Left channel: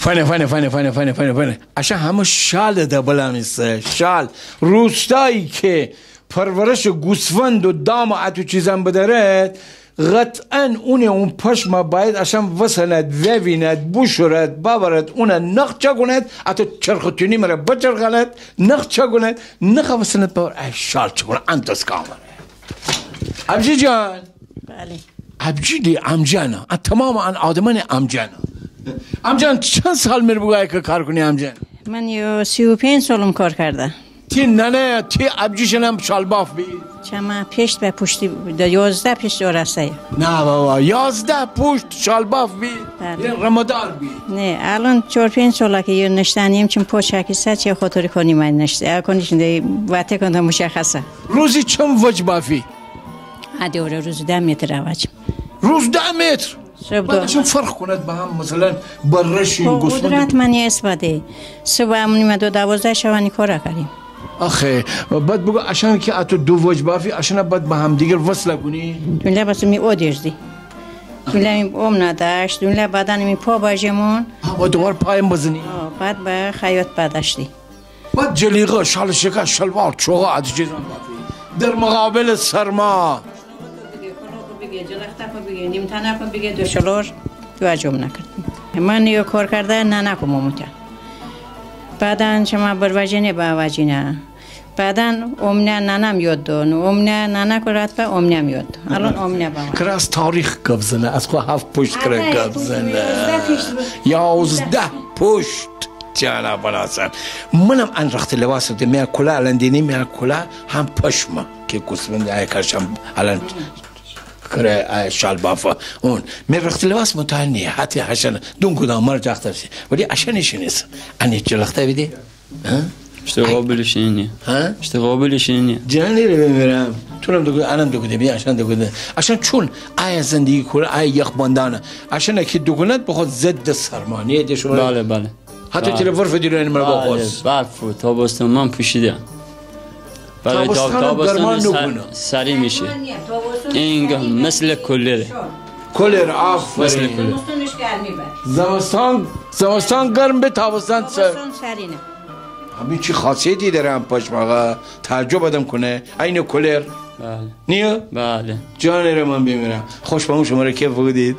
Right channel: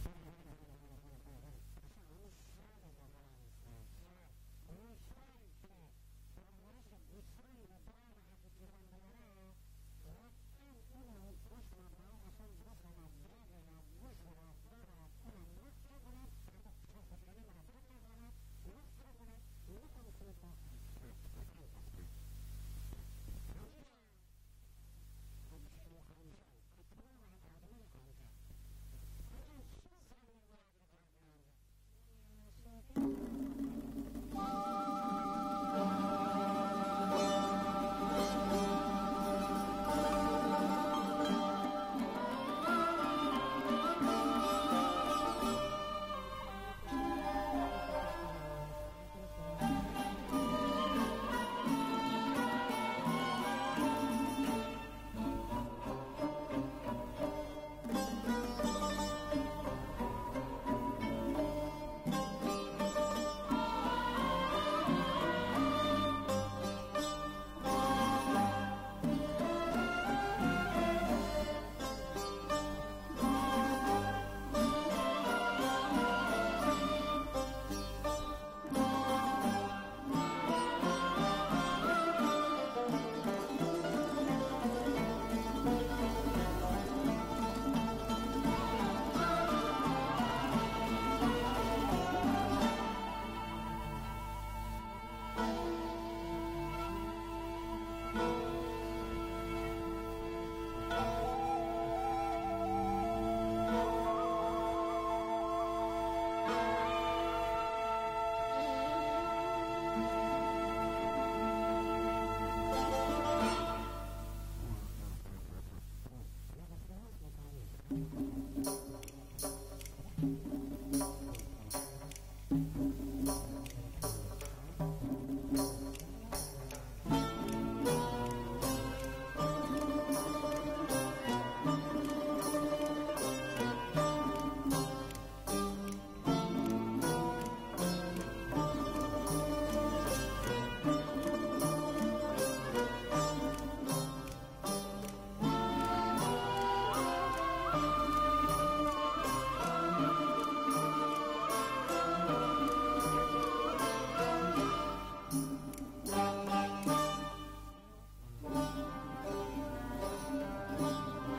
فنه عشان همه شال دبلا میسه شال روستایی که پرورش گوسفند و دام و اتو چیزم بدارد قطعا اون پشم باید عشان وصلت وویند بوشورد باورد اون نخ چگوند اتو چرختونی مره بچرخلد نخ چگوند نخ وصلت باور ای شال چگوند انتس کامره عبجی جان بله عبجی دی عمجانا تمام آدمان عمجانا عمجان چند سال میره بگویی که کار کنی عمجان؟ من 35 سالم کار کرده تی نه تی عبجیشنم شالباف بی؟ چما پشت به پشتی 11 پشت راسته نه بابا 11 پشت شالباف بی؟ بله. رمدار بی؟ نه الان 4-5 ساله که نشتنیم چون پوچکی چه خاطر کنی من نشته کنیش نه وقتی کنم مشخصه روزی چند وجه بافی؟ دوره روز 10 متر وجه روز 10 متر؟ بعد چون فرق کند با هم مثلا برش این گوسفند قدرت من اسپاده صبح همونی 12 شوانی کار کردیم آخه بعد بگو عشان که اتو دو وجه بافی عشان بعد با هم دیگر وصل کنی دنیا بس می اودیردی دنیا می اوم نداشت دنیا بدن می پا باجمون و دوباره پایم بزنی بعد به خیاط بداشتی بعد جلیقه شال شکر شلوار چوغا عدی چیزا در مقابل سرما نیم تنه کن بگه دو شلور تو اجام نکرد من یه کار کرده نه نکم ممکن بعدن شما بروجینه با وجینه بعدن امنه ننم یاد دون امنه ننه کرد به امنه یاد الان امنه با کرا از تاریخ گفزنه از خو 7 پشت کرا گفزنه 11 پشت جانا بناسن منم ان رخت لباس ده میا کلا الان دینی میا کلا هم پشما که گوسفند ای کرشم الان کره شال بافا اون من رخت لباس متعنی حتی عشان دون کدام مر جاخته ولی عشانش نیست انی جلخته بیدی işte قابلش اینه işte قابلش اینه جانی رو بمیرم تونم دو الان دو کده بی عشان دو کده عشان چون ای زندگی کل ای یخ باندانه عشان که دو کند بخواد ضد سرمانیه ده شما بله بله حتی تلفن فدیرو این مرا باخوز بله تابستان من پوشیدم برای تابستان سری میشه این مثل کلره کلر آفرین مثل کلر زمستان گرم به تابستان سر سرینه همین چی خاصیتی داره هم پشماغا تعجب آدم کنه این کلر بله نیه؟ بله جان رو من بمیرم خوش با اون شما رو کیف بودید